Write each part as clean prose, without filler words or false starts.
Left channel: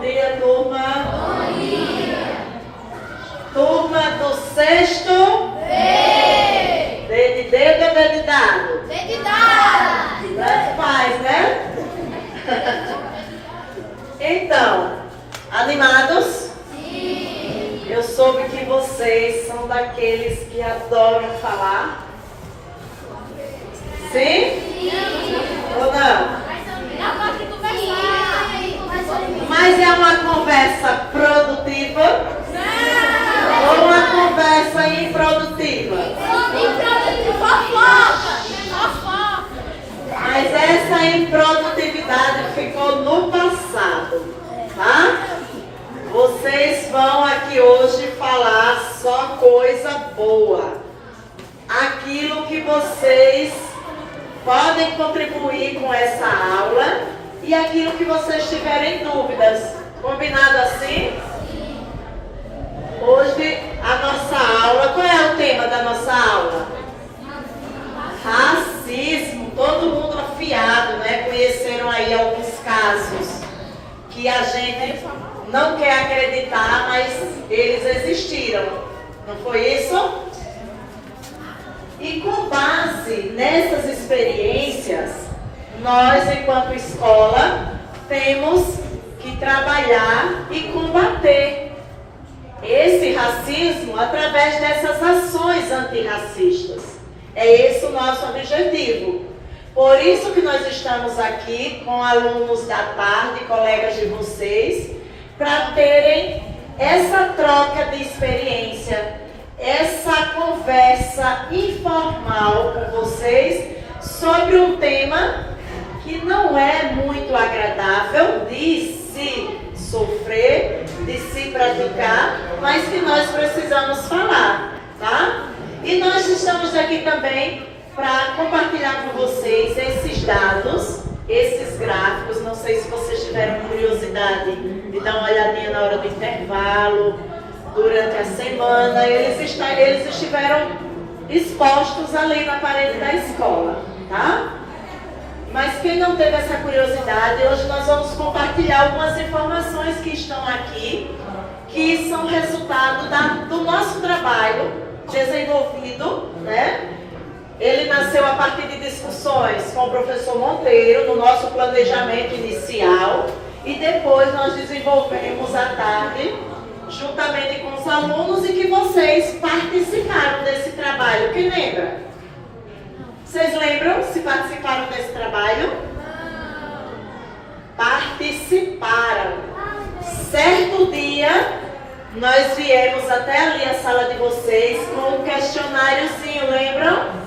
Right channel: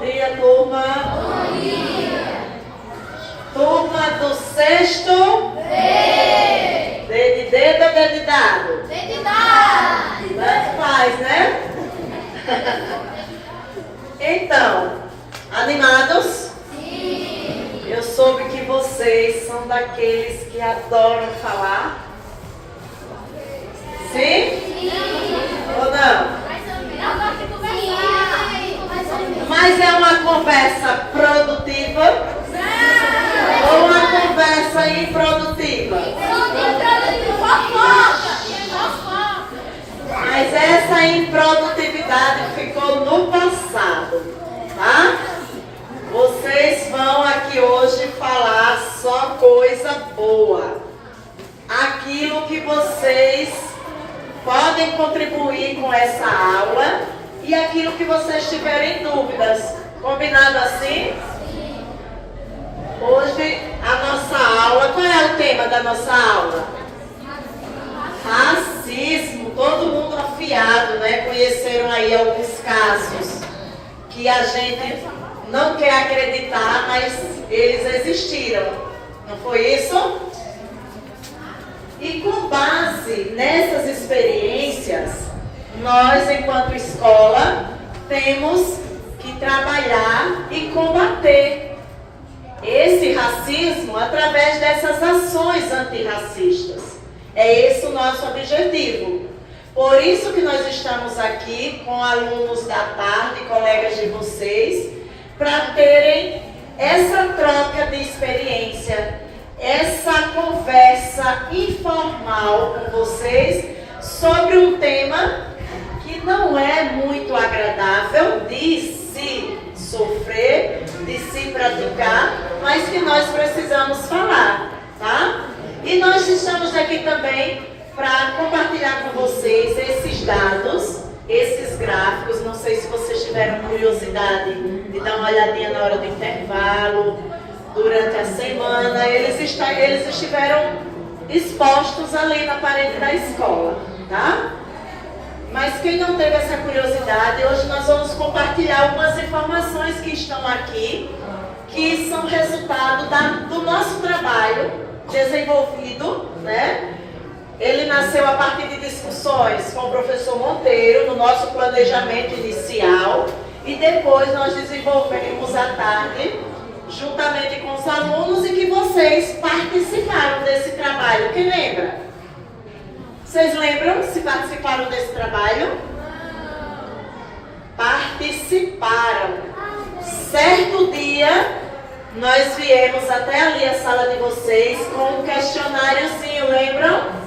dia, turma. Bom dia. Turma do sexto. D de dedo ou D de dado? D de dado. Tanto faz, né? Então, animados? Sim. Eu soube que vocês são daqueles que adoram falar. Sim? Sim. Ou não? Mas é uma conversa produtiva ou uma conversa improdutiva? Mas essa improdutividade ficou no passado, tá? Vocês vão aqui hoje falar só coisa boa. Aquilo que vocês podem contribuir com essa aula e aquilo que vocês tiverem dúvidas. Combinado assim? Sim. Hoje a nossa aula, qual é o tema da nossa aula? Racismo. Todo mundo afiado, né? Conheceram aí alguns casos que a gente não quer acreditar, mas eles existiram. Não foi isso? E com base nessas experiências, nós, enquanto escola, temos que trabalhar e combater esse racismo através dessas ações antirracistas. É esse o nosso objetivo. Por isso que nós estamos aqui com alunos da tarde, colegas de vocês, para terem essa troca de experiência, essa conversa informal com vocês sobre um tema que não é muito agradável de se sofrer, de se praticar, mas que nós precisamos falar, tá? E nós estamos aqui também para compartilhar com vocês esses dados, esses gráficos. Não sei se vocês tiveram curiosidade de dar uma olhadinha na hora do intervalo, durante a semana. Eles estiveram expostos ali na parede da escola, tá? Mas quem não teve essa curiosidade, hoje nós vamos compartilhar algumas informações que estão aqui, que são resultado do nosso trabalho desenvolvido, né? Ele nasceu a partir de discussões com o professor Monteiro, no nosso planejamento inicial, e depois nós desenvolvemos à tarde, juntamente com os alunos, e que vocês participaram desse trabalho. Quem lembra? Vocês lembram se participaram desse trabalho? Participaram. Certo dia, nós viemos até ali a sala de vocês com um questionáriozinho, lembram?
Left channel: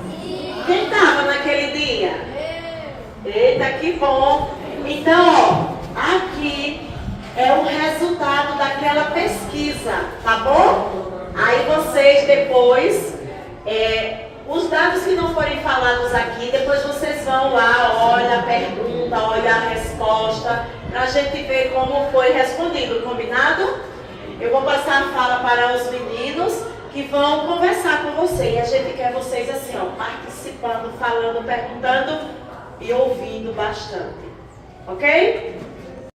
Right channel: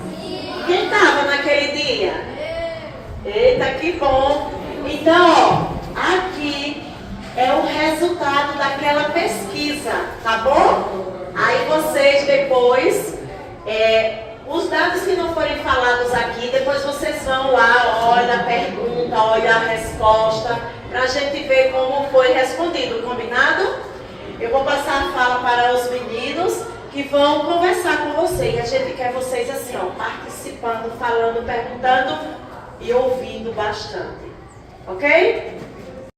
Quem estava naquele dia? Eita, que bom! Então, ó, aqui é o resultado daquela pesquisa, tá bom? Aí vocês depois, os dados que não forem falados aqui, depois vocês vão lá, olha a pergunta, olha a resposta, pra gente ver como foi respondido, combinado? Eu vou passar a fala para os meninos que vão conversar com você. E a gente quer vocês assim, ó, participando, falando, perguntando e ouvindo bastante. Ok?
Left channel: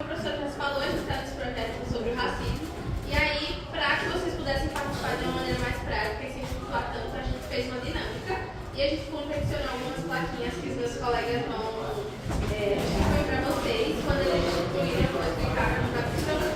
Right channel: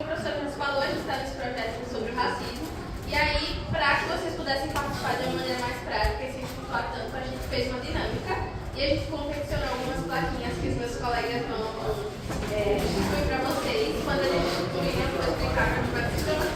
O professor nos falou, a gente está nesse projeto sobre o racismo. E aí, para que vocês pudessem participar de uma maneira mais prática e sem estudar tanto, a gente fez uma dinâmica. E a gente confeccionou algumas plaquinhas que os meus colegas vão distribuir para vocês. Quando eles distribuírem, eu vou explicar como vai funcionar.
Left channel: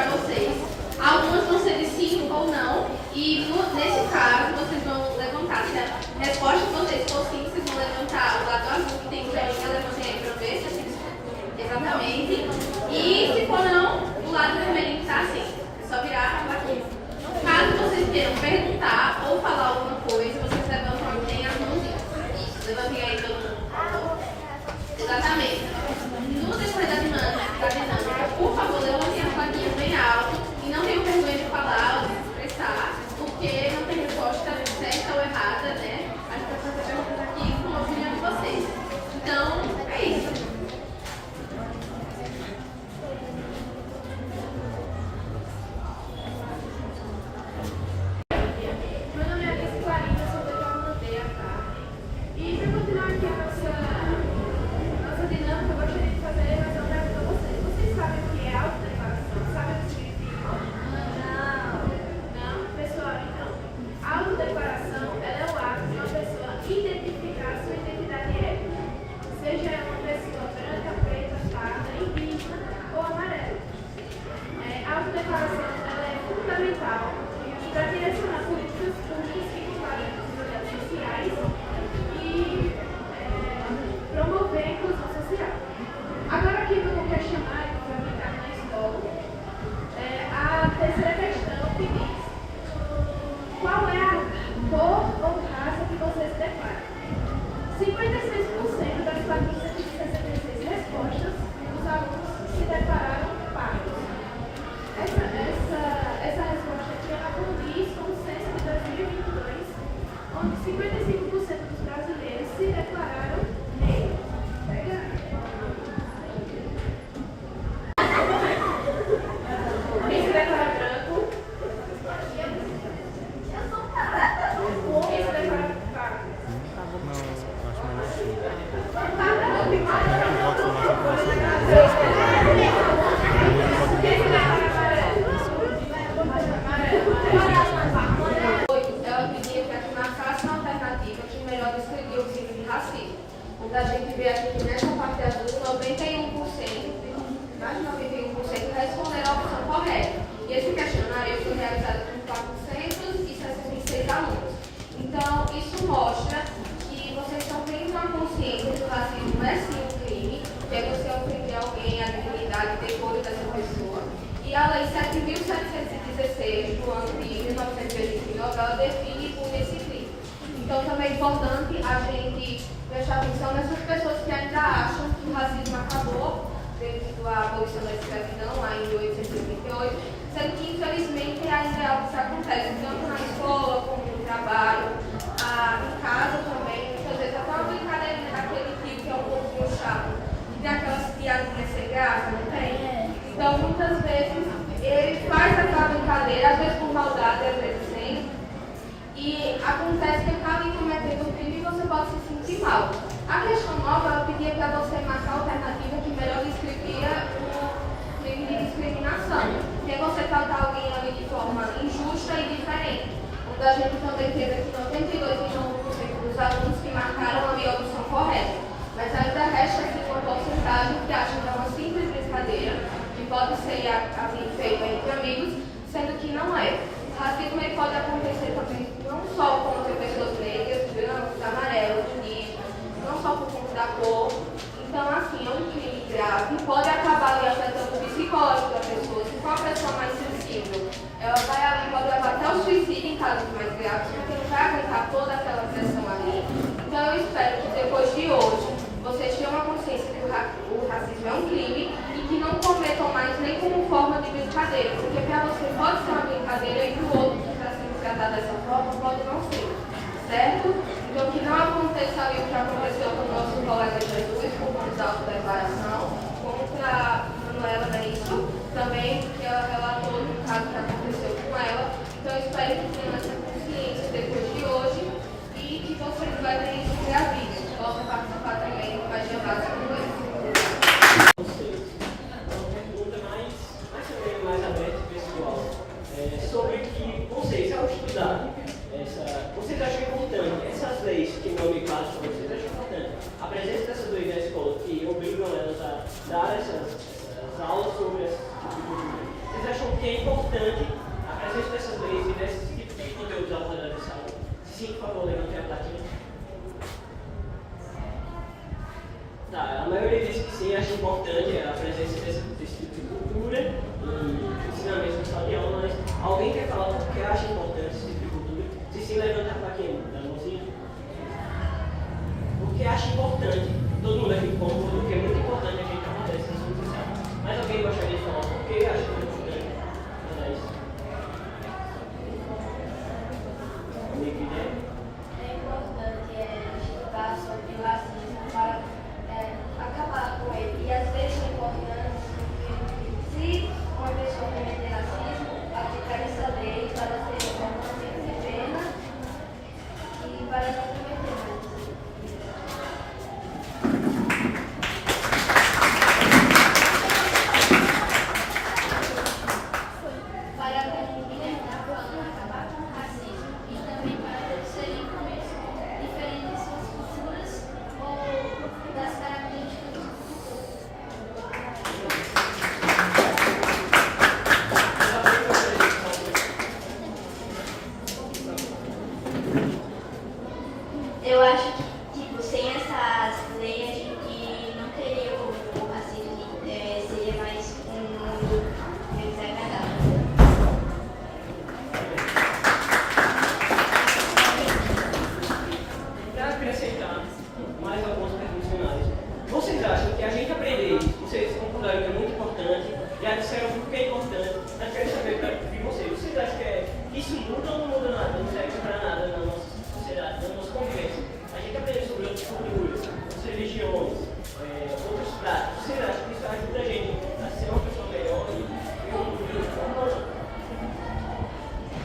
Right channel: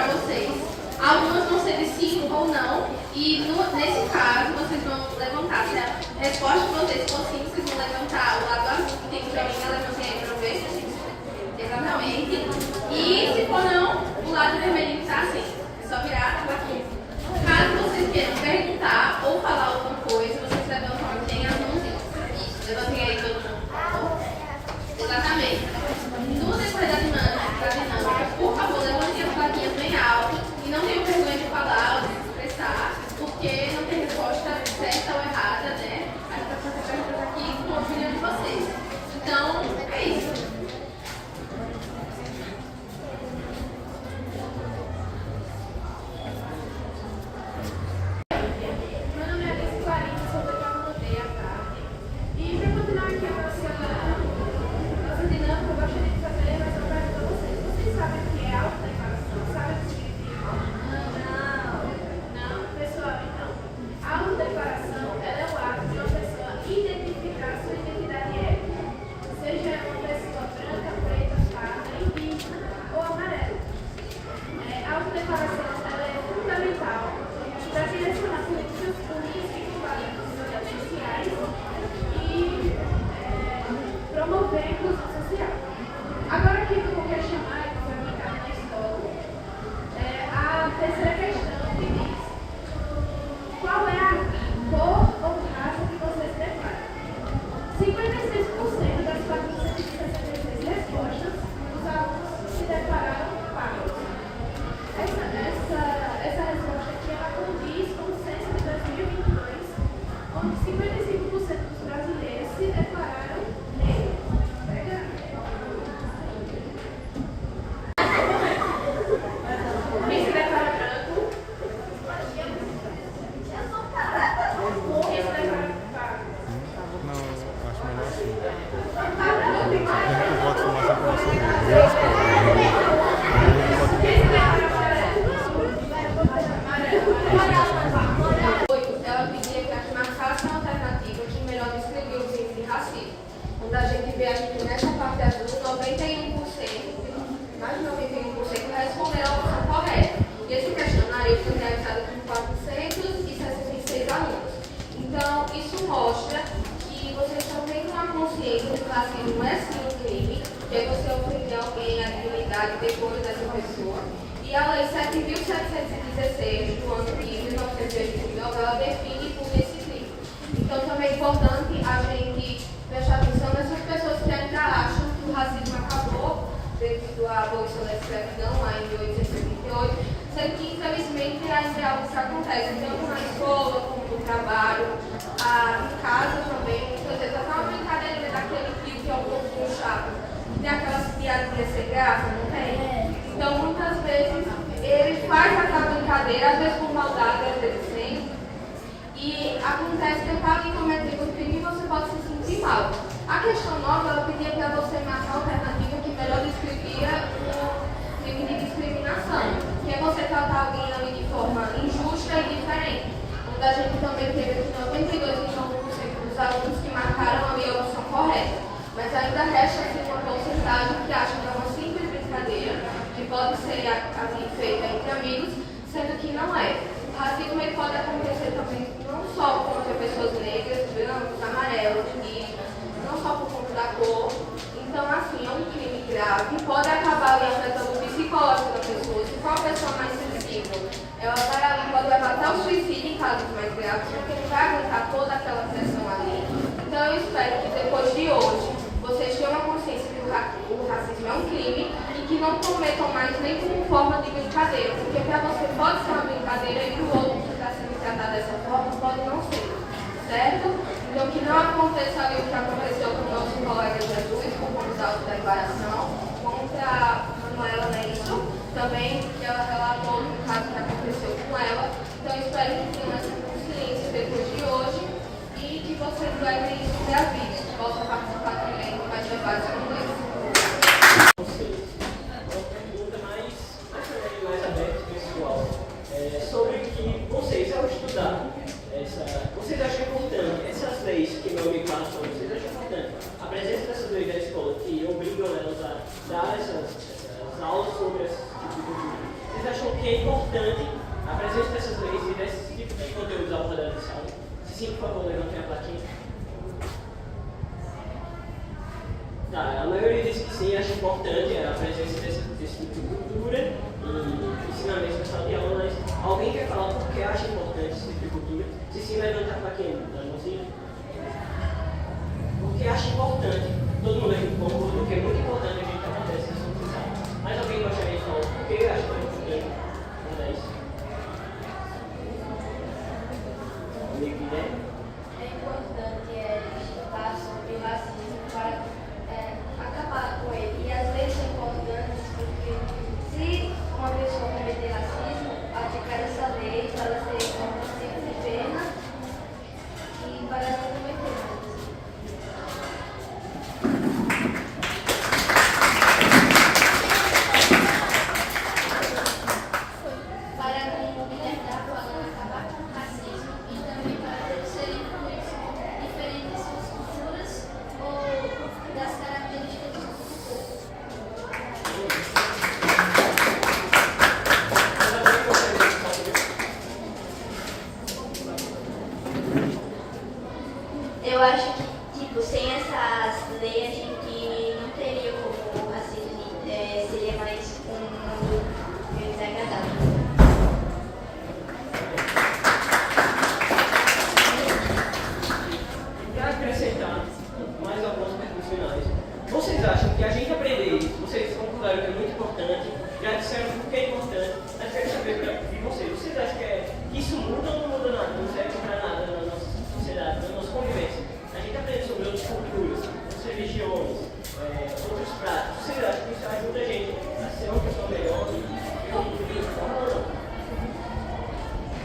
para vocês. Algumas vão ser de sim ou não, e nesse caso vocês vão levantar. Se a resposta de vocês for sim, vocês vão levantar o lado azul que tem joinha, levantem aí para ver se exatamente. E se for não, o lado vermelhinho está assim. É só virar a plaquinha. Caso vocês queiram perguntar ou falar alguma coisa, vocês levantam aqui as mãozinhas. Isso, levantem aí todo mundo. Exatamente. No decorrer da dinâmica, por favor, levantem as plaquinhas bem alto e não tenham vergonha de falar ou de se expressar, porque não tem resposta certa ou errada, né? A gente vai fazer perguntas aqui com a opinião de vocês. Então, é isso. Meu nome é Alice Clarinha, sou da Calmandeira à tarde. E para continuar aqui a nossa dinâmica, eu gostaria de fazer mais uma pergunta a vocês. Vocês sabem o que é autodeclaração? Sabem o que significa? Não? Pessoal, então, a autodeclaração ela é o ato de uma pessoa identificar sua identidade étnica, seja ela uma pessoa branca, preta, parda, indígena ou amarela. A autodeclaração ela é fundamental para direcionar políticas públicas que combatem as desigualdades sociais e promover a inclusão social. Agora aqui eu vou questionar e vou aplicar na escola a terceira questão que diz: qual é a cor ou raça que vocês preferem? 56% das 466 respostas, os alunos se declararam pardos. Essa resposta aqui ela condiz com o censo de 2022, onde 55% dos brasileiros se declararam negros. Quem se declara branco? Quem se declara pardo? Não, acho melhor assim. Quem Eu voto mais para você. se declara amarelo? Ela pedia que aqui marcasse uma alternativa que melhor descrevia os índices de racismo. Quando a gente vê aqui nessa parte azul, 91%, mais de 91% responderam a opção correta. E esse questionário foi realizado com 466 alunos. Então, isso mostra que vocês estão tendo uma consciência de que o racismo não é sim um crime, que é você ofender alguém, a dignidade e decoro dessa pessoa. E a Lei 7.716 do ano de 1989, ela define e pune esse crime. Então também é importante a gente prestar atenção nessas pessoas que ainda acham que o racismo acabou devido à abolição da escravidão lá em 1878, sendo que infelizmente ainda é algo que acontece tanto na escola como no trabalho, em casa também. Muitas vezes até uma brincadeirinha daquele tio que é um pouquinho chato, que tem aquelas piadinhas sem graça, não tem? Então, muitas vezes, ele faz essa brincadeira, às vezes por maldade, às vezes sem, e acontece que ele está ali cometendo um crime e você pode se sentir mal. A questão nova, ela pedia para você marcar a alternativa que melhor descrevia o crime de discriminação, que é você tratar alguém ali de forma injusta e diferente. Onde a gente também teve aqui 92% dos alunos que marcaram ali a opção correta. Mas ainda resta assim, uma porcentagem que acha que é uma simples brincadeira, que pode ser assim, feita entre amigos, sendo que não é. O racismo ele pode acontecer também não só contra pessoas negras, brancos, amarelos, indígenas, não só por conta da cor. Então, assim, é um crime grave, pode acabar ali afetando o psicológico da pessoa. Se for uma pessoa mais sensível, ela vai ali, pode levar até o suicídio em casos mais graves, porque não vai aguentar toda aquela pressão ali. Então, eu espero que depois de hoje, vocês tenham uma consciência que o racismo é um crime e que não cometam mais nem como forma de brincadeira, porque para você pode ser uma brincadeira e para o outro que está sendo tratado dessa forma pode não ser, certo? Então que não aconteça ali o que aconteceu com o nosso colega Jesus, com o da autodeclaração, contra a Manuela Benço, também, que ela relatou no caso que aconteceu com ela. Então eu espero que tenham essa consciência depois de hoje e que vocês levem isso para a vida, que possam participar também mais debates como esse. Mais aberto, pessoal, sobre que vocês, ao estudar vocês acham importante essas leis que não me passam, vocês acham importante a presença dessas leis na escola que obrigam elas a dar essas aulas sobre esse tipo de... Vocês acham porque é importante a presença dessas leis e desse tipo de conteúdos ao redor da sala. Se sim, por favor, levantem a plaquinha. Tá, a maioria disse que sim, acha importante a presença desse tipo de cultura e ensinamentos na sala de aula, mas alguém quer falar por que acha importante esse tipo de cultura? Se sim, levanta a plaquinha da mãozinha. Porque acha importante, todo mundo aqui concorda, porque é muito importante a gente acontecer isso na sala. Mas alguém gostaria de falar por que acha importante fazer isso? Alguém que ideia? É importante estudar sobre o racismo para acabar com ele. E às vezes é importante porque se uma pessoa cometer racismo, aplicar essa lei para ser uma tipo de pena e para não cometer mais. Para a comunidade atual acabar com o racismo e também para serem incluídos diferentes culturas ou das características do povo. Eu acho que, tipo, sem essas leis a gente não teria como, assim, seria mais um mundo meio desagradável. Para acrescentar mais algumas perguntas finais, vocês acham que a gente aprender isso, vocês concordaram que é muito importante, já disseram por que é importante, mas quero saber de vocês, vocês acham que isso muda ou não muda nada, não serve para nada na nossa sociedade, na nossa convivência? A gente aprende sobre outras culturas, outras religiões, outros pratos, vocês acham que isso ajuda a gente a ser uma pessoa melhor e contribuir de forma ou não?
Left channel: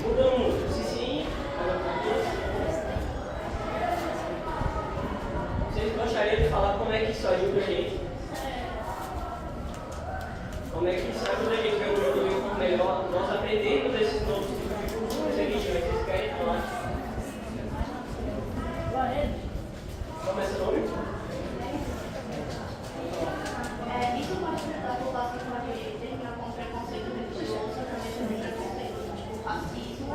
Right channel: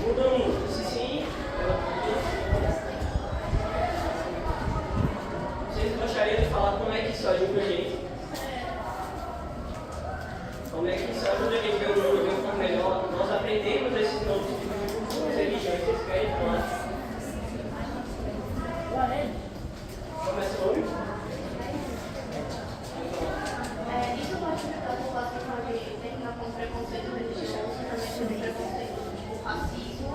Muda ou não muda? Se sim, vocês gostariam de falar como é que isso ajuda a gente? Como é que isso ajuda a gente a ver o mundo de uma forma melhor? Nós aprendemos esses novos tipos de culturas e religiões. Vocês querem falar? Começa o nome? Isso pode ajudar a população a terminar com preconceito religioso e também sobre preconceito tipo racismo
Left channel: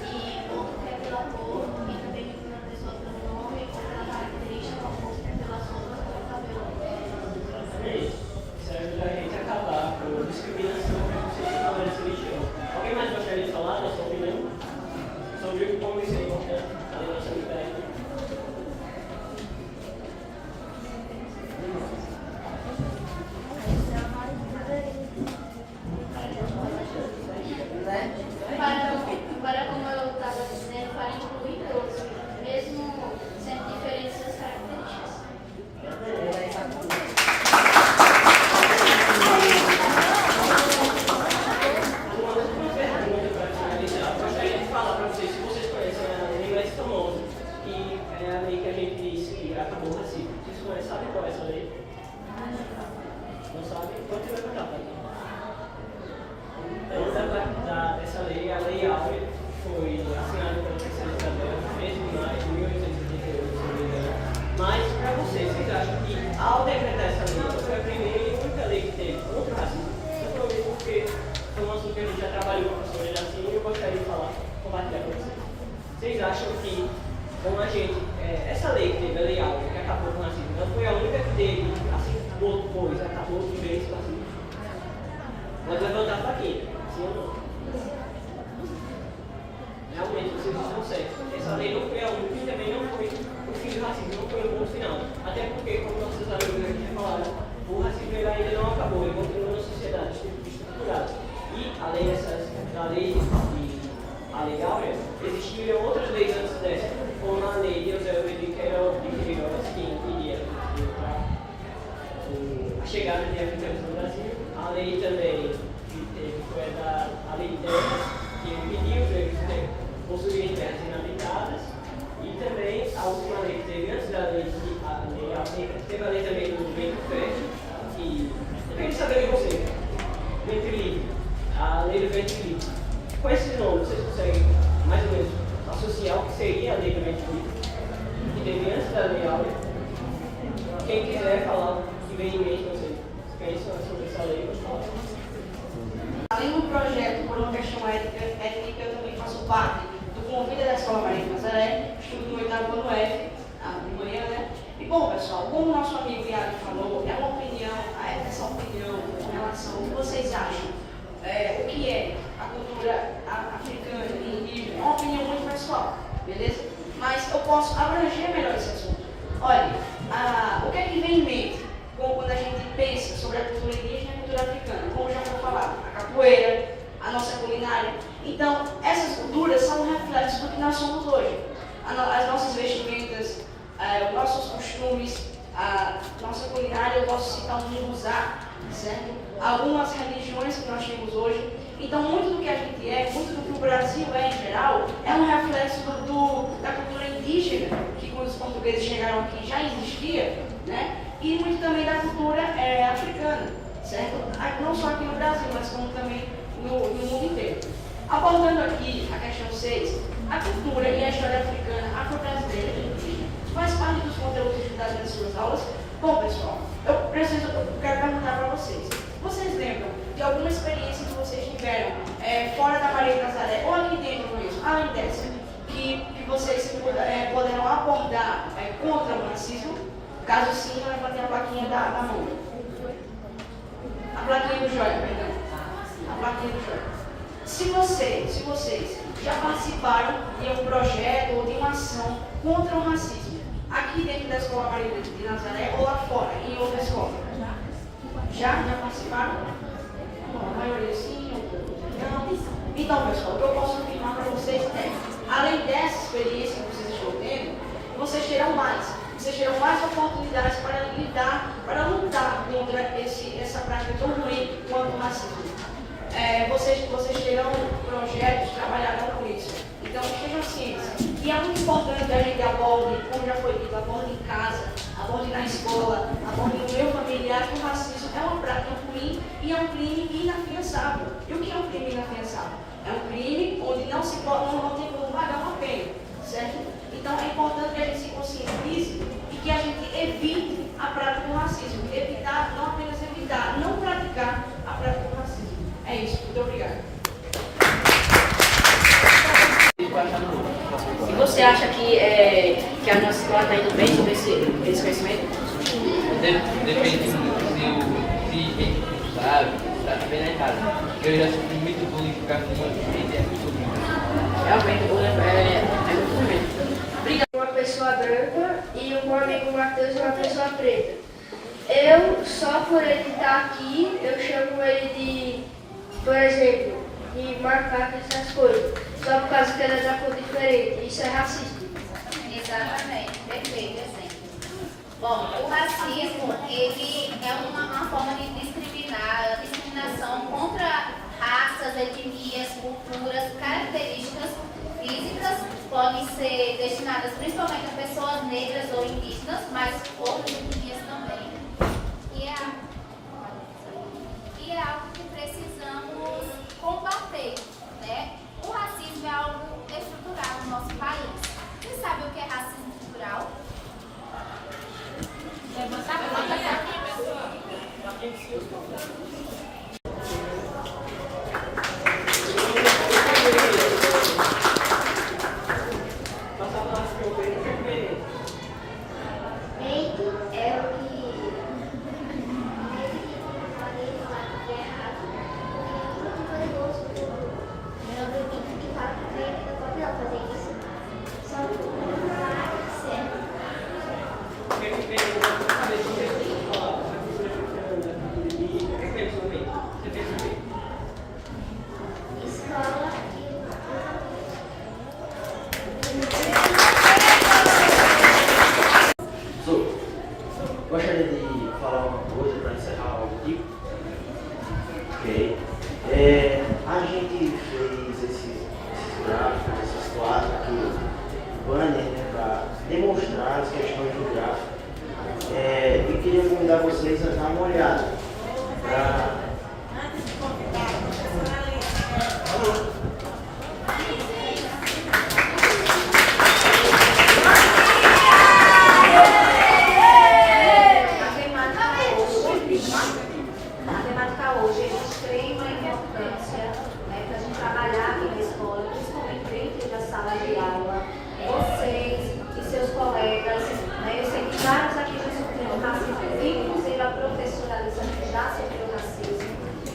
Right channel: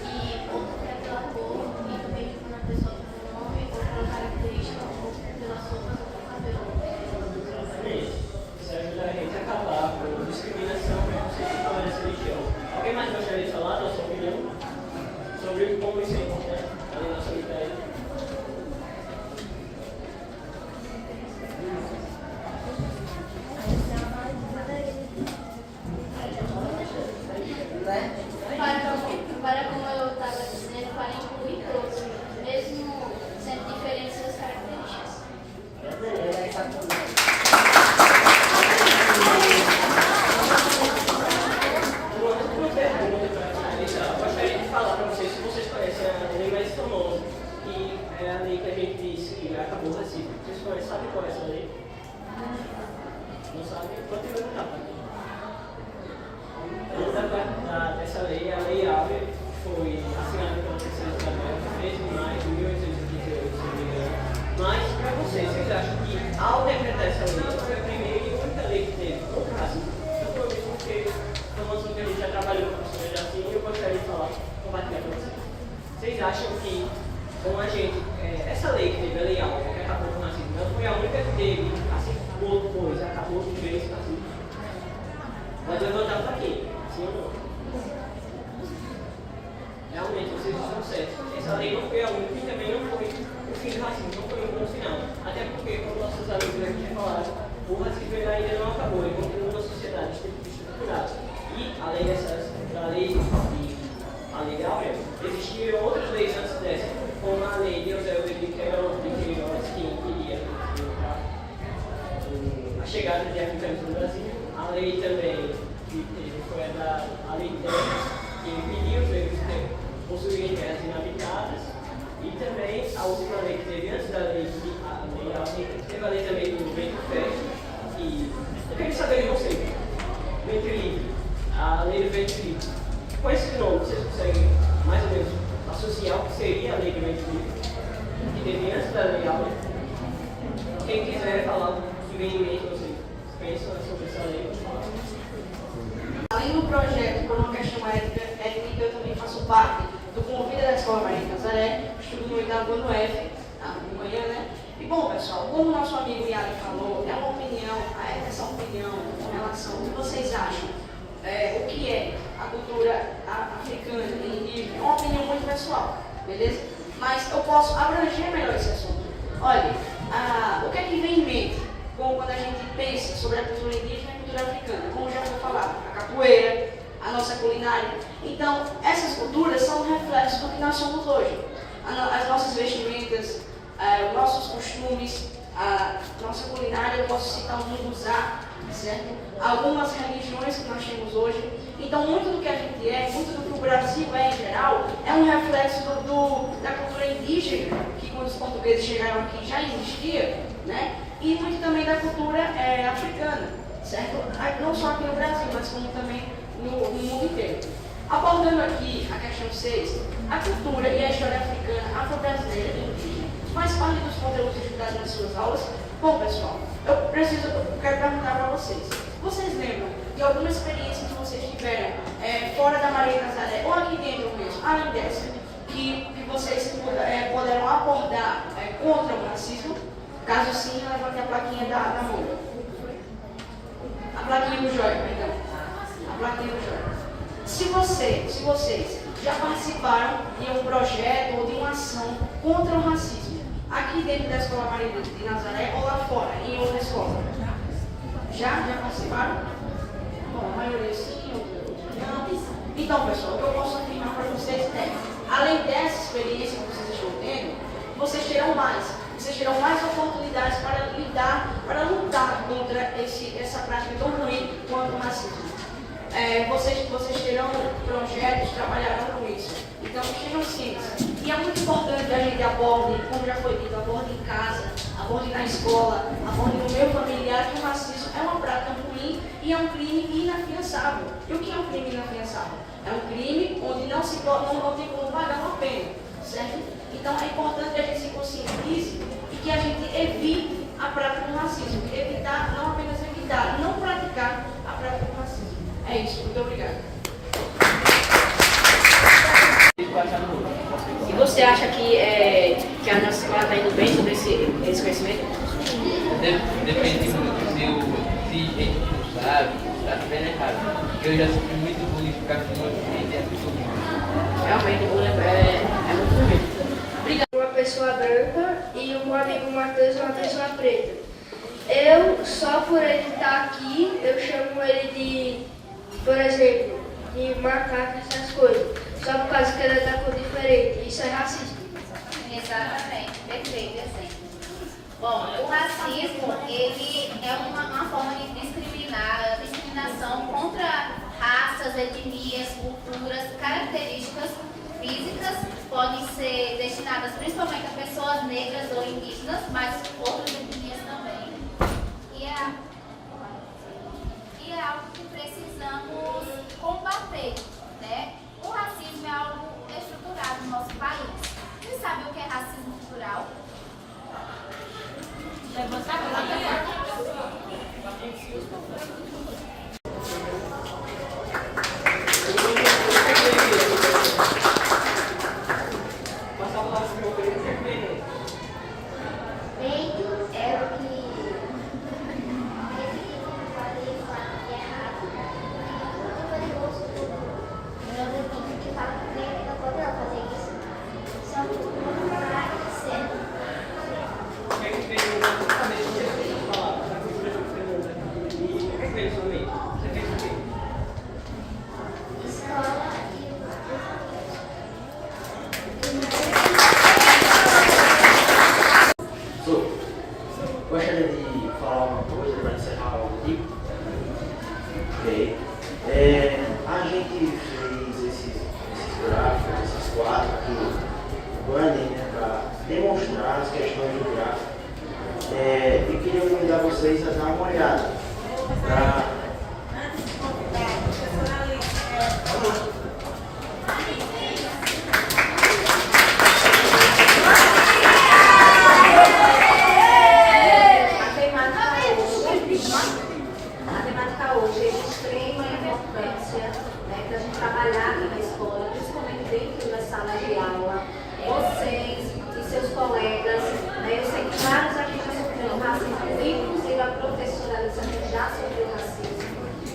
e outro que é pela cor e também na pessoa pelo nome ou pela característica ou pelas roupas ou pelo cabelo. Exatamente. Isso ajuda a gente a acabar com discriminação e preconceito de tolerância religiosa. Alguém mais gostaria de falar da sua opinião sobre como isso é importante além da solidariedade? Para como eu estava dizendo, para incluir todos, mesmo sendo diferentes as características. Uma pergunta para finalizar. Eu gostaria de falar para vocês se vocês conhecem a lei mais famosa, que é a lei que a gente disse que acabou o racismo. Vocês conhecem, sabem qual é essa lei? Não sabem? Pode levantar, tá? Dessa lei, a Lei Áurea, foi assinada pela Princesa Isabel no 13 de maio de 1888, se não me engano. Mas, para vocês acham que ao decretar essa lei, foi a primeira e única lei que teve contra o racismo? Principalmente porque, como a gente já trabalhou com pessoas assim, eu gostaria de falar, compartilhar com vocês. Vocês acham que, como a gente, essa lei que teve, a Lei Áurea, que acabou com o racismo, não foi a única que teve, assim, depois, acabou de ver esse racismo? Pode levantar para quem? Sim ou não? Realmente, vocês estão certos. Essa lei não foi a única e também não foi o fim do racismo, não foi um bom final. Até porque, como nossos amigos aqui já falaram, o racismo ele ainda não acabou, ele continua na sociedade estruturada. E, além da lei Áurea, existiam outras leis antes dessa, como a lei de Eusébio de Queiroz, que impedia a chegada de africanos no Brasil, a lei também que foi a lei 10, que impediu os negros possuírem terras inabitadas, e também a última lei que teve antes da lei Áurea, teve a lei também do ventre fértil, que eu queria saber de vocês, ventre livre, a lei do ventre livre. Com esse nome, vocês conseguem mais ou menos associar o que seria a lei do ventre livre, que teve antes da lei Áurea? Quem quiser falar o que vem em mente, vocês pensam sobre essa lei, vamos falar. além do projeto, por uma questão étnica, eu também faço parte do Convida da Escola Maria de Nazaré, estudo no 8º ano F, de manhã, né? E bom, pessoal, como o nosso amigo Yari falou, é uma opinião, essa opinião com relação ao que vocês acham, o que é a cultura africana e indígena, é uma opinião muito pessoal, beleza? Mas eu posso abranger melhor esse assunto. Olha, o que é que vem em mente quando a gente pensa sobre a cultura indígena e a cultura africana? Como já foi falado, a capoeira, a nossa culinária. Então, essas culturas são um reflexo do que nós somos hoje. As nossas vestimentas, os nossos costumes, a nossa culinária, eu posso citar o munguzá, certo? Algumas religiões que nós temos hoje. Então, muito do que a gente muito do que o Brasil é em geral, é um reflexo da cultura indígena, que quando os portugueses chegaram aqui já existia, né? E muito também da cultura africana, certo? Não só aqui no Brasil, mas como também no mundo inteiro. Abordando aqui a questão 6, a cultura e a história africana, afro-brasileira, faz parte dos conteúdos estudados nas suas aulas? Bom, pessoal, eu quero perguntar para vocês. Vocês lembram de alguma experiência que vocês tiveram fora da Maria de Nazaré, ou aqui dentro mesmo, além dessa, que vocês puderam abordar contra o racismo? Caso sim, levante a plaquinha da mão. A plaquinha do joia, perdão. A plaquinha do joia. Se vocês já participaram de um projeto ou de uma ação contra o racismo, aqui dentro da Escola Maria de Nazaré ou lá fora, em outra escola? Já participaram? A maioria sim, outra não. Então, pessoal, o que eu posso afirmar para vocês é, além dessa experiência que vocês estão tendo, vocês terão mais oportunidades para lutar contra essa prática tão ruim quanto o racismo. Vocês terão projetos, trabalharão com isso. Então, estejam cientes. E é muito importante que a gente aborde, como já foi dito, aborde em casa, aborde na escola, aborde no meio familiar, que o racismo é uma prática ruim e é um crime inafiançável. E o que é um crime inafiançável? É um crime onde não tem como pagar uma pena, certo? Então, é importante que a gente se conscientize e que a gente evite a prática do racismo. Evitar, não apenas evitar, não praticar a prática do racismo. É isso, muito obrigada. E você acha que a nossa escola está indo bem sobre esse conhecimento? Depende muito se a gente não sabe, está vendo errado. Eu já sofri muito bullying por causa do movimento e é muito ruim. Realmente, o bullying é muito ruim. Obrigado. Uma pessoa branca e o meu amigo Matheus uma pessoa preta. Eu, só por ele estar aqui, eu chamo ele de, por exemplo, de macaco, essas coisas. Só por causa que ele é da cor diferente. Isso é racismo. Exatamente, perfeito exemplo. Bom, o racismo, ele é uma forma de discriminação contra raças, etnias, culturas, características físicas, podem ser destinadas principalmente a pessoas negras ou indígenas, mas outras etnias também. E é algo que precisamos combater, né? O racismo é algo estruturado no nosso país. Você sabe o que é racismo estrutural? Peito é o que Gostaria de falar uma coisa para encerrar o artigo. Ok. A gente fez esses gráficos, esses quadros aqui, banner, né, para demonstrar as questões do gráfico. E queria convidar vocês a dar uma olhada. A temática hoje é de extrema importância sala de aula, vocês e seus colegas, né? Eu sei que vários aqui já sofreram racismo, inclusive a professora Alisa já sofreu racismo,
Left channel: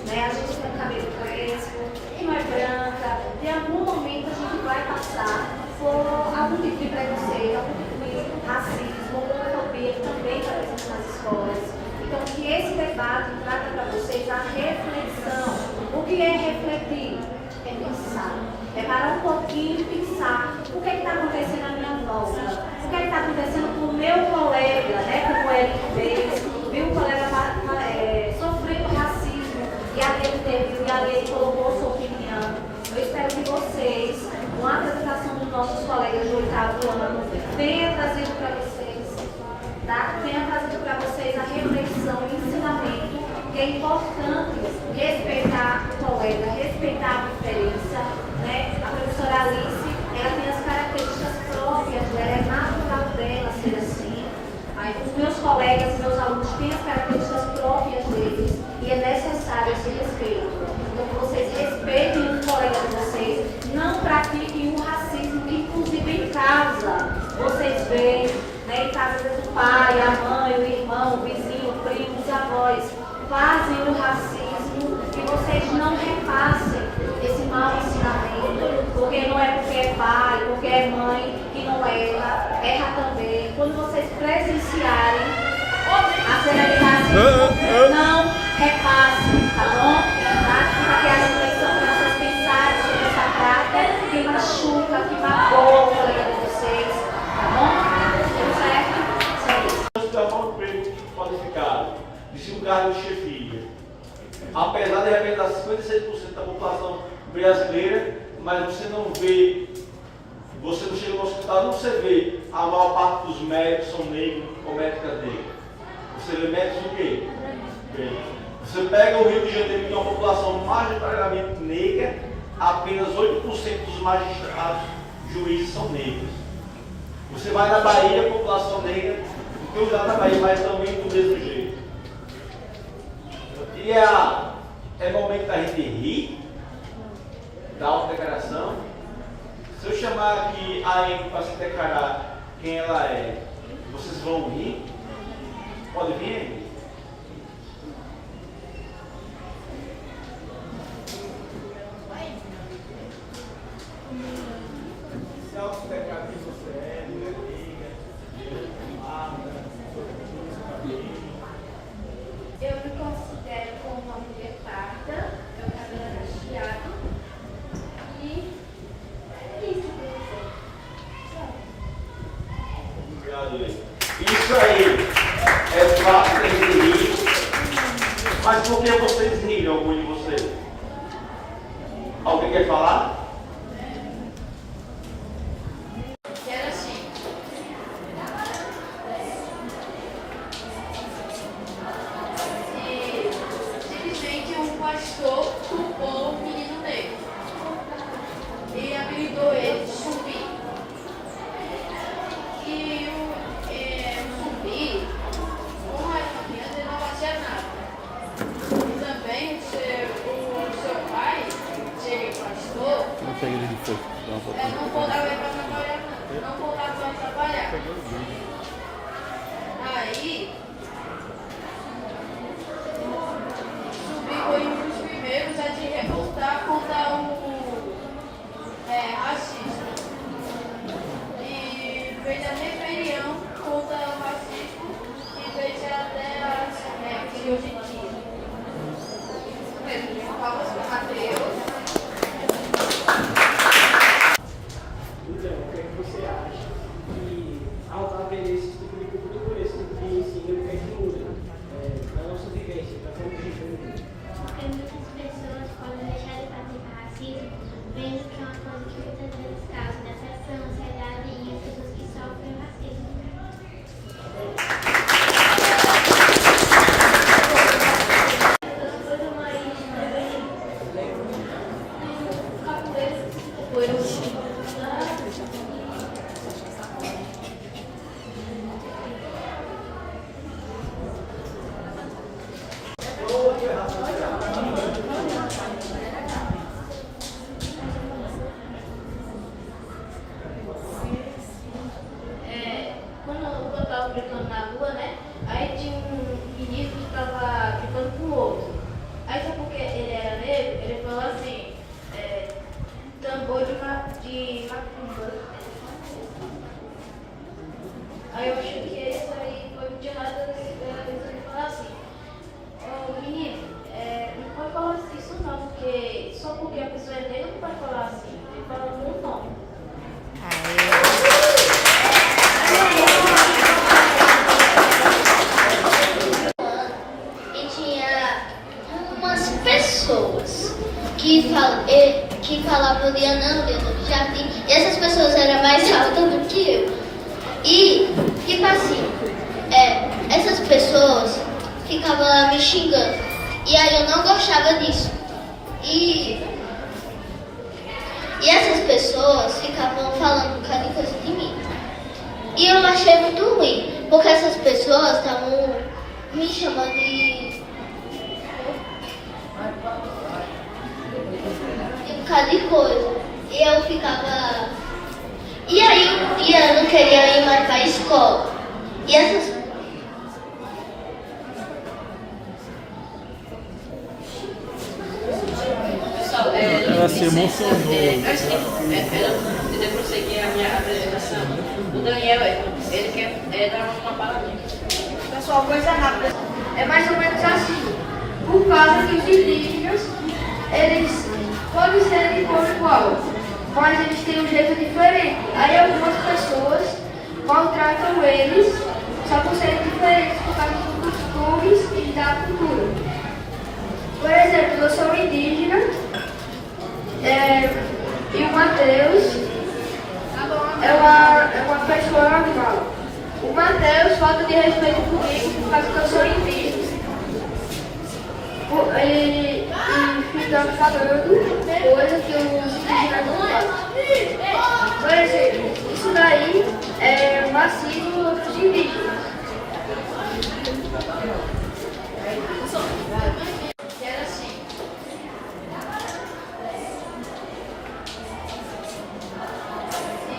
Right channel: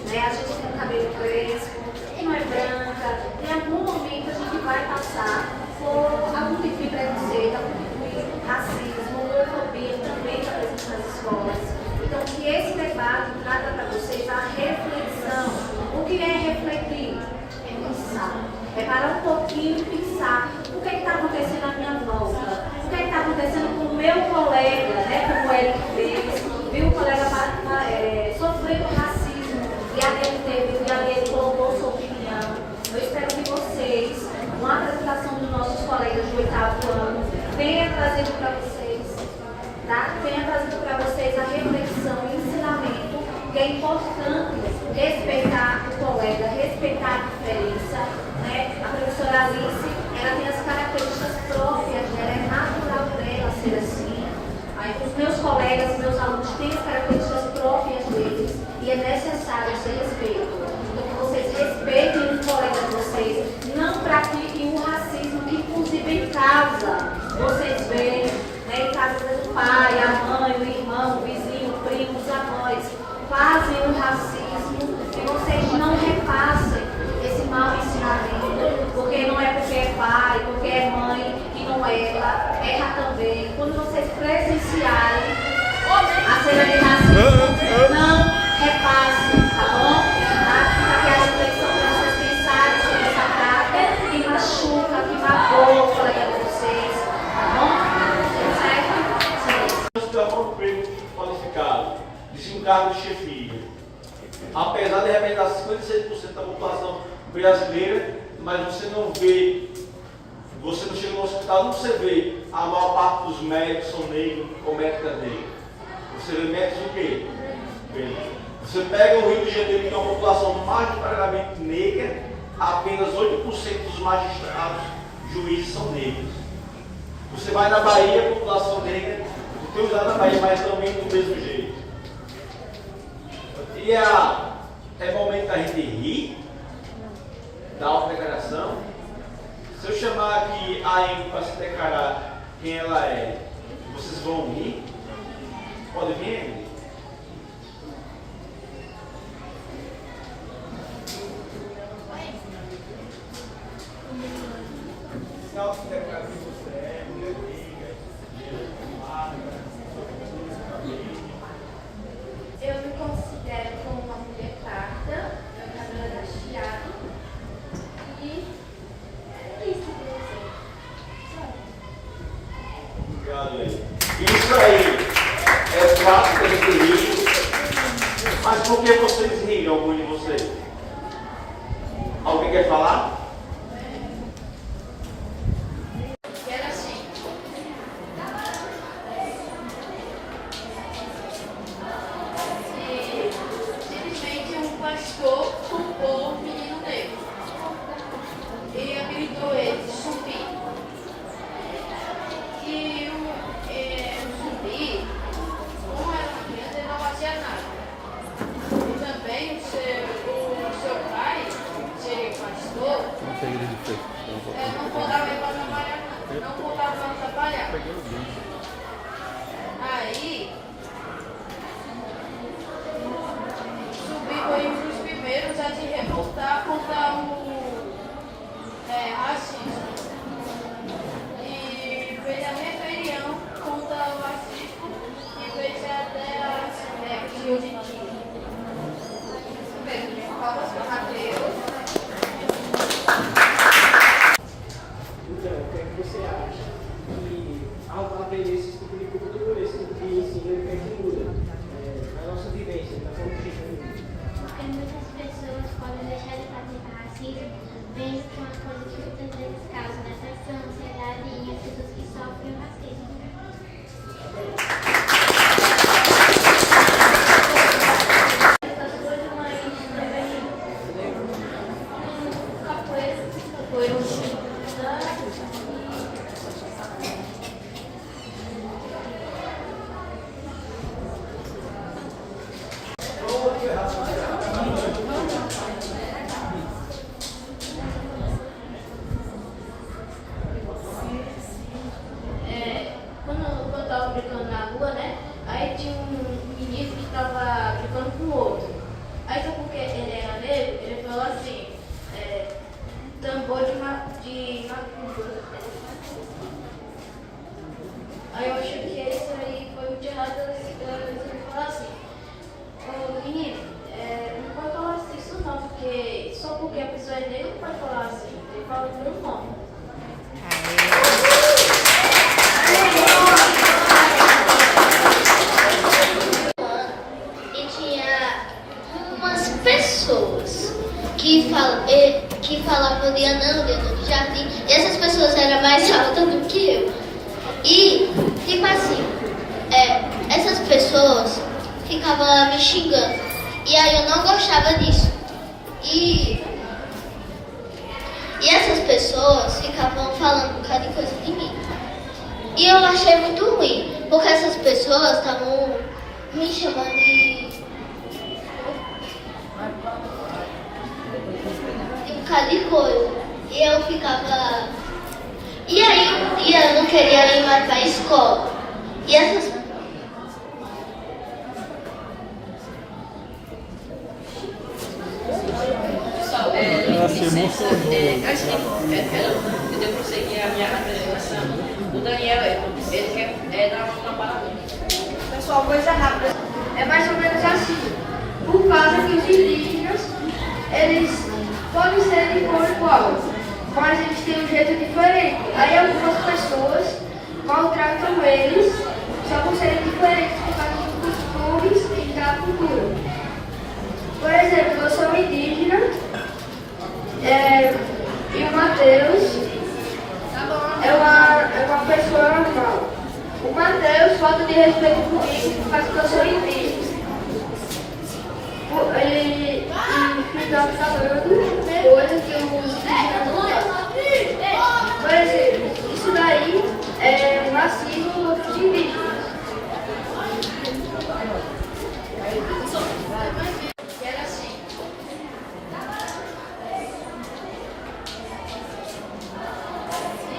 né? A gente tem um cabelo crespo, não é branca, em algum momento a gente vai passar por algum tipo de preconceito, algum tipo de racismo, homofobia também está presente nas escolas. Então, que esse debate trata para vocês a reflexão. O que é refletir? É pensar. É parar um pouquinho e pensar o que está acontecendo à minha volta, o que está acontecendo com o meu colega, né, como ele fez, viu o colega sofrendo racismo e ali ele colocou sua opinião. Eu espero que vocês, com a apresentação dos nossos colegas do 8º ano, tenha trazido para vocês, tá? Tenha trazido para vocês a reflexão e o ensinamento que é importante respeitar o colega, respeitar a diferença, né? A professora Alice, ela tem as características próprias dela, é natural dela ser assim. Aí, os meus colegas, meus alunos têm as características próprias deles e é necessário esse respeito. Então, que vocês respeitem os colegas de vocês, não pratiquem o racismo, que inclusive em casa, vocês veem, né, em casa do pai, a mãe, o irmão, o vizinho, o primo, os avós, fazem o racismo, que vocês não repassem esse mau ensinamento, porque não é porque é pai, porque é mãe, que não erra também. Quando vocês presenciarem a cena de racismo, não repassem, tá bom? Fica aqui a reflexão para vocês pensarem sobre essa prática que machuca, que magoa o colega de vocês, tá bom? Certo? Você está falando de emprego qualificado, de um cargo de chefia. Apesar de representar 56% da população brasileira, mas você não chega no hospital, não você vê a maior parte dos médicos são negros ou médicas negras. Você vê médicos o quê? Bem, você pega o Rio de Janeiro, que é uma população majoritariamente negra, apenas 8% dos magistrados, juízes são negros. Você vai na Bahia, a população negra, não tem lá na Bahia, mas também do mesmo jeito. E é momento da gente rir, da autodeclaração. Se eu chamar aqui a Amy para se declarar quem ela é, vocês vão rir? Pode vir, Amy? Se autodeclarar quem você é, mulher negra, eu me considero como uma mulher parda, meu cabelo é cacheado e é isso, Obrigado, Amy. Isso aí é fácil de rir, mas por que vocês riram, algum de vocês? Alguém quer falar? Era assim. Simplesmente um pastor culpou um menino negro e apelidou ele de Zumbi. E o Zumbi, como era uma criança, ele não fazia nada. E também o seu pai, ser pastor, não botava ele para trabalhar, não botava para trabalhar. Aí, Zumbi foi um dos primeiros a se revoltar contra o racismo. E fez a rebelião contra o racismo e fez até as de hoje em dia. Isso mesmo, de palmas para o Mateus. Então, o que é que você acha que ao aprender esse tipo de cultura, esse tipo de ensino, o que é que muda na nossa vivência, na convivência? Porque muitas pessoas podem deixar de praticar racismo, vendo que é uma coisa que muitas vezes causa decepção, ansiedade em as pessoas que sofrem racismo. que falavam Lianã do jardim, e essas pessoas eram mais altas do que eu. E, tipo assim, essas pessoas ficavam lá me xingando. E aí eu não gostava disso. E essas pessoas ficavam falando um bocado de coisa de mim. E eu achei muito ruim, porque essas pessoas estavam me chamando de um bocado de coisa. E eu ficava... E aí um dia eu não queria ir mais para a escola. E essas... Ela se emocionou. Antes de prosseguir a minha apresentação, o Daniel, ele dava uma palavra. Pessoal, coisa rápida. É mais ou menos assim. Por causa que os indígenas, eles podem ser de cor igual, mas eles têm um jeito diferente. Aí algumas pessoas maltratam eles só por serem diferentes por causa dos costumes e da cultura. Por exemplo, eu sou indígena e o Mateus é uma pessoa normal. O Mateus falta de respeito comigo por causa que eu sou indígena. E fica falando coisa que os indígenas não fazem. Por exemplo, isso daí é racismo contra os indígenas. Era assim.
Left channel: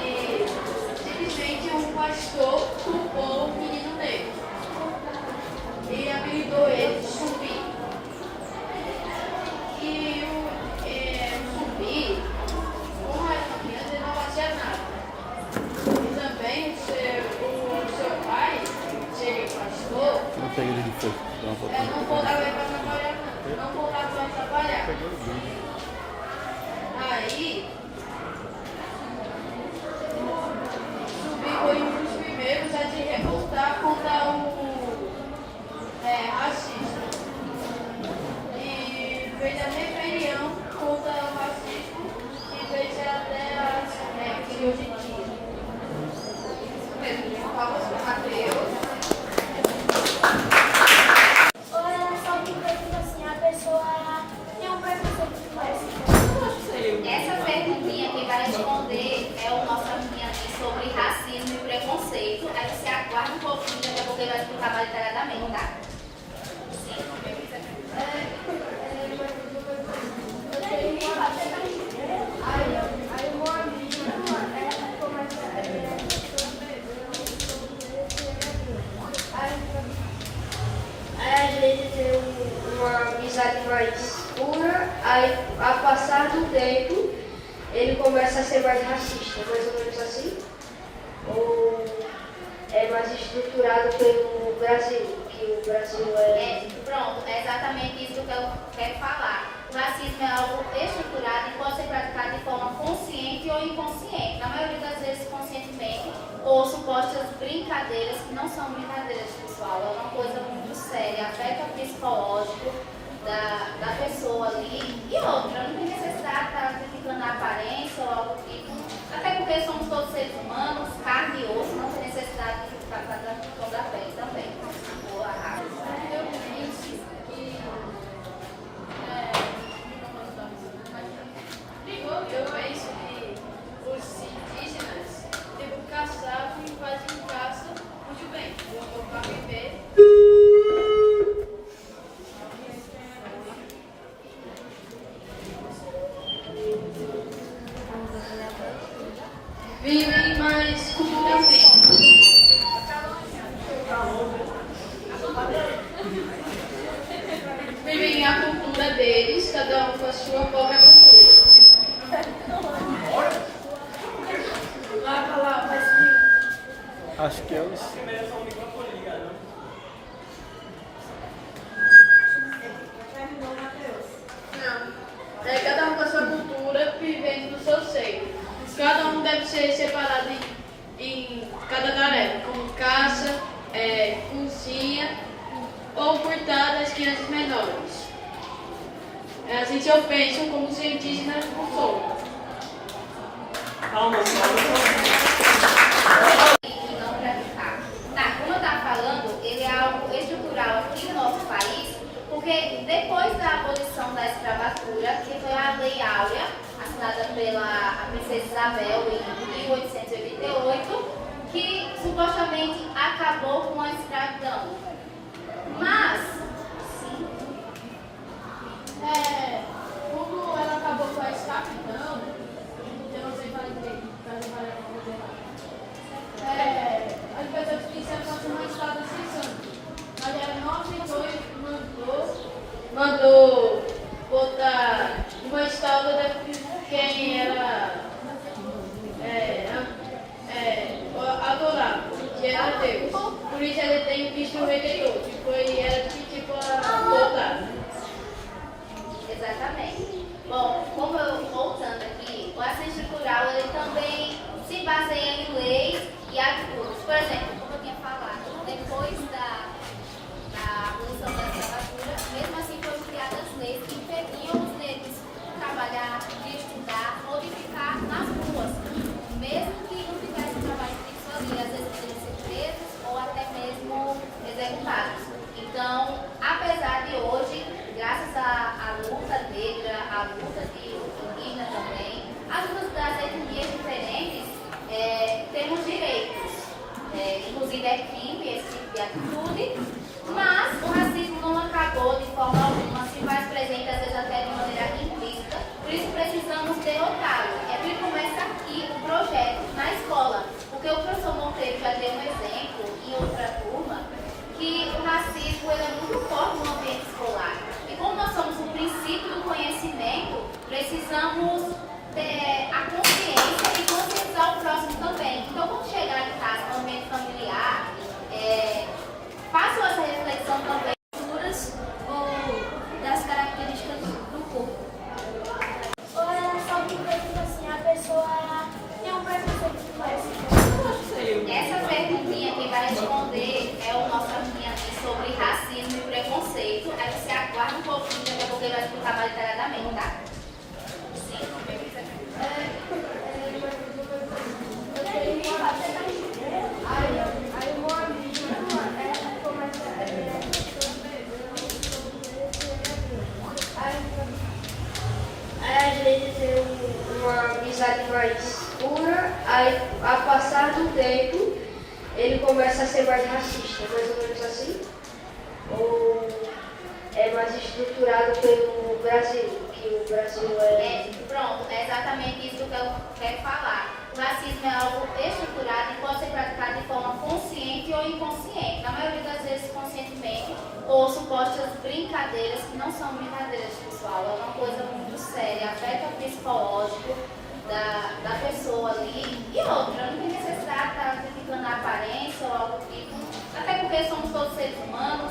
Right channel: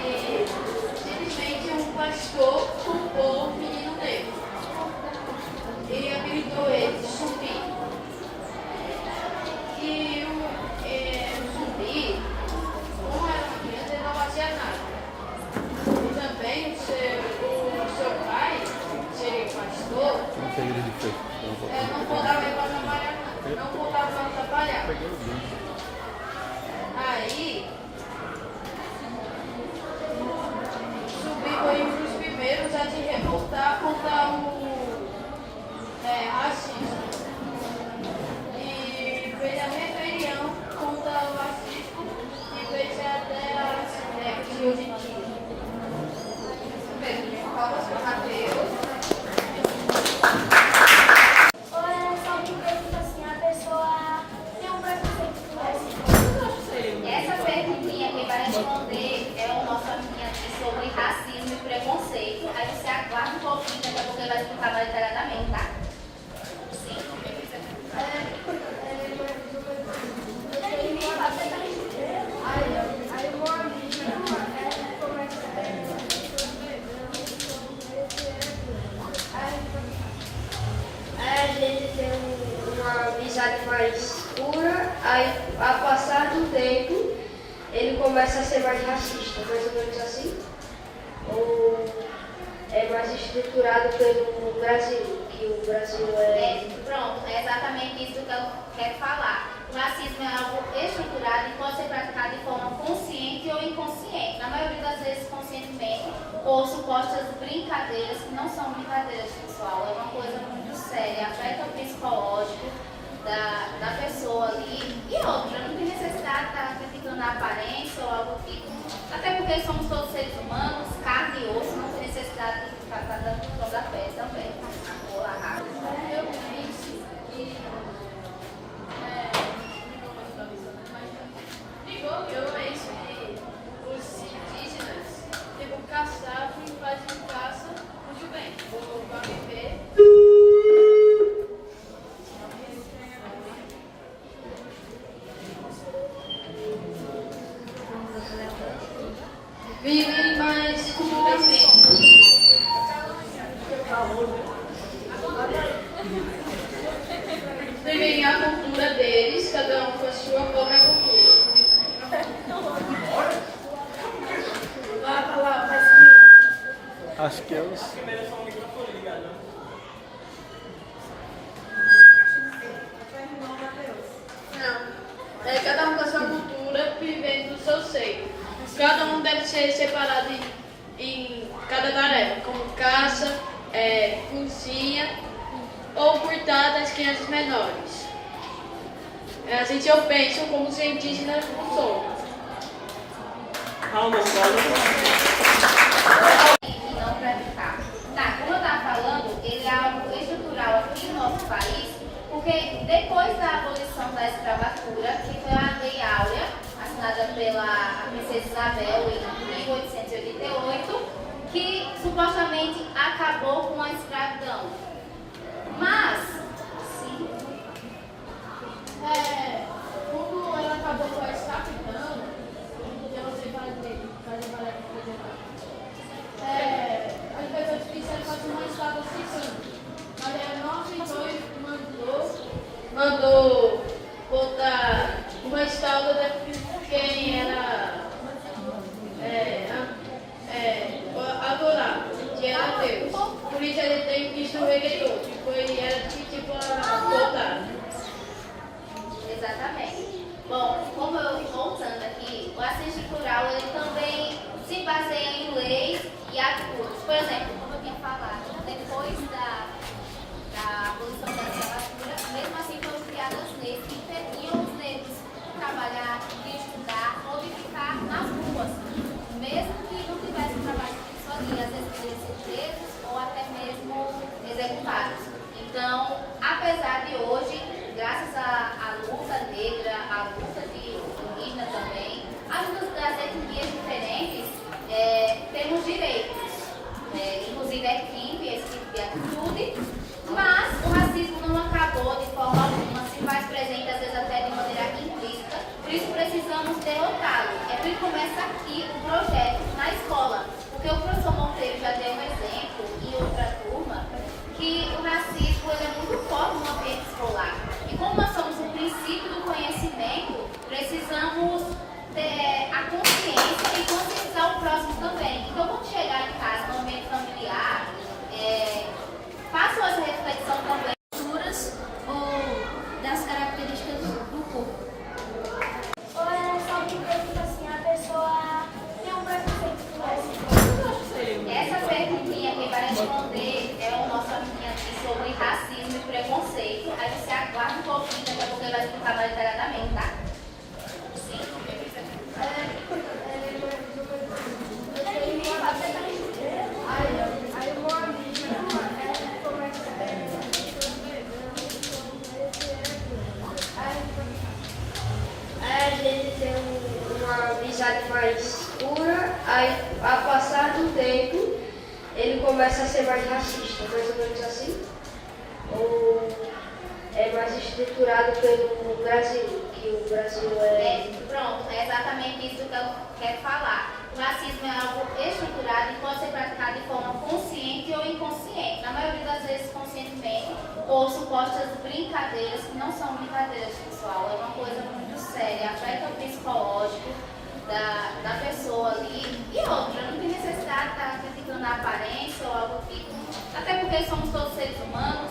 E simplesmente um pastor culpou o menino negro e habilitou ele de zumbi. E o zumbi, como era uma criança, ele não fazia nada. E também o seu pai, ser pastor, não botava ele para trabalhar, não botava para trabalhar. Aí, Zumbi foi um dos primeiros a se revoltar contra o racismo. E fez a rebelião contra o racismo e fez até as de hoje em dia. Palmas para o Mateus. Ou era só porque, tipo assim, a pessoa tem um preconceito que vai Essa perguntinha que vai responder é o nosso amiguinho aqui sobre racismo e preconceito. Aí você aguarda um pouquinho, daqui a pouco ele vai explicar mais detalhadamente, tá? Sim. Aí o meu amigo começa Aí a gente tem uma amizade mais pura, aí a passar do tempo ele começa a ser mais racista, mais ou menos assim? Ou é mais estruturado pelo Brasil, que o Brasil Pronto, é exatamente isso que eu quero falar. O racismo é algo estruturado e pode ser praticado de forma consciente ou inconsciente. Na maioria das vezes, conscientemente, ou supostas brincadeiras, que não são brincadeiras, pessoal. É uma coisa muito séria, afeta o psicológico da pessoa ali. E outra, não tem necessidade de estar criticando a aparência ou algo do tipo. Até porque somos todos seres humanos, carne e osso, não tem necessidade de ficar tratando sobre a pele também. Ou a raça. Eu penso que os indígenas, tipo, caçavam e faziam caça muito bem. Voltou para viver. Vivem mais culturalmente. Vivem a cultura deles, cada um com a sua própria cultura. Acho que é os. Não. Cada um com a sua cultura, vivendo do seu seio. Cada um deve ser separado em cada tarefa, como caça, cozinha ou cuidar das crianças menores. a gente ofende como os indígenas não são. Calma, E não para ficar. Tá, como eu estava falando, ele é algo estrutural aqui no nosso país, porque depois da abolição da escravatura, que foi a Lei Áurea, assinada pela Princesa Isabel em 1888, que supostamente acabou com a escravidão. Mas, sim, Como ela acabou com a escravidão, eu não sei falar direito, as pessoas quiseram fazer uma estrada ficando, mas ela não aceitou e mandou botar uma estátua de quem era adorado, que era Deus. Por isso ele tem que destruir todo, era tipo botar. exatamente. Bom, como eu voltando aqui, o racismo estrutural ele também se baseia em leis e atitudes. Por exemplo, como eu tinha falado, depois da abolição da escravatura, mesmo assim foram criadas leis que impediam os negros de trabalhar, de estudar ou de ficar nas ruas. Mesmo que não tivessem trabalho fixo ali, às vezes poderiam ser presos ou até mesmo executados. Então, apesar de hoje, graças à luta negra, à luta de indígena também, as lutas das etnias diferentes, temos direitos, inclusive é crime esse tipo de atitude, mas o racismo não acabou de forma alguma, se faz presente às vezes até de maneira implícita, por isso precisamos derrotá-lo. É por isso que começa aqui o projeto na escola, porque o professor Monteiro já deu um exemplo em outra turma, que o racismo ele é muito forte no ambiente escolar. E como nós somos o princípio do conhecimento, precisamos ter a consciência e conscientizar o próximo também. Então, quando chegar em casa, no ambiente familiar, façam essa reflexão também. Ou das características do corpo. Ou é só porque, tipo assim, a pessoa tem um preconceito com essa. Essa perguntinha quem vai responder é o nosso amigo aqui sobre racismo e preconceito. Aí você aguarda um pouquinho, daqui a pouco ele vai explicar mais detalhadamente, tá? Sim? Aí o meu amigo começa Aí a gente tem uma amizade mais pura, aí ao passar do tempo ele começa a ser mais racista, mais ou menos assim? Ou é mais estruturado pelo Brasil, que o Brasil Pronto, é exatamente isso que eu quero falar. O racismo é algo estruturado e pode ser praticado de forma consciente ou inconsciente. Na maioria das vezes, conscientemente, ou supostas brincadeiras, que não são brincadeiras, pessoal. É uma coisa muito séria, afeta o psicológico da pessoa ali. E outra, não tem necessidade de estar criticando a aparência ou algo do tipo. Até porque somos todos seres humanos,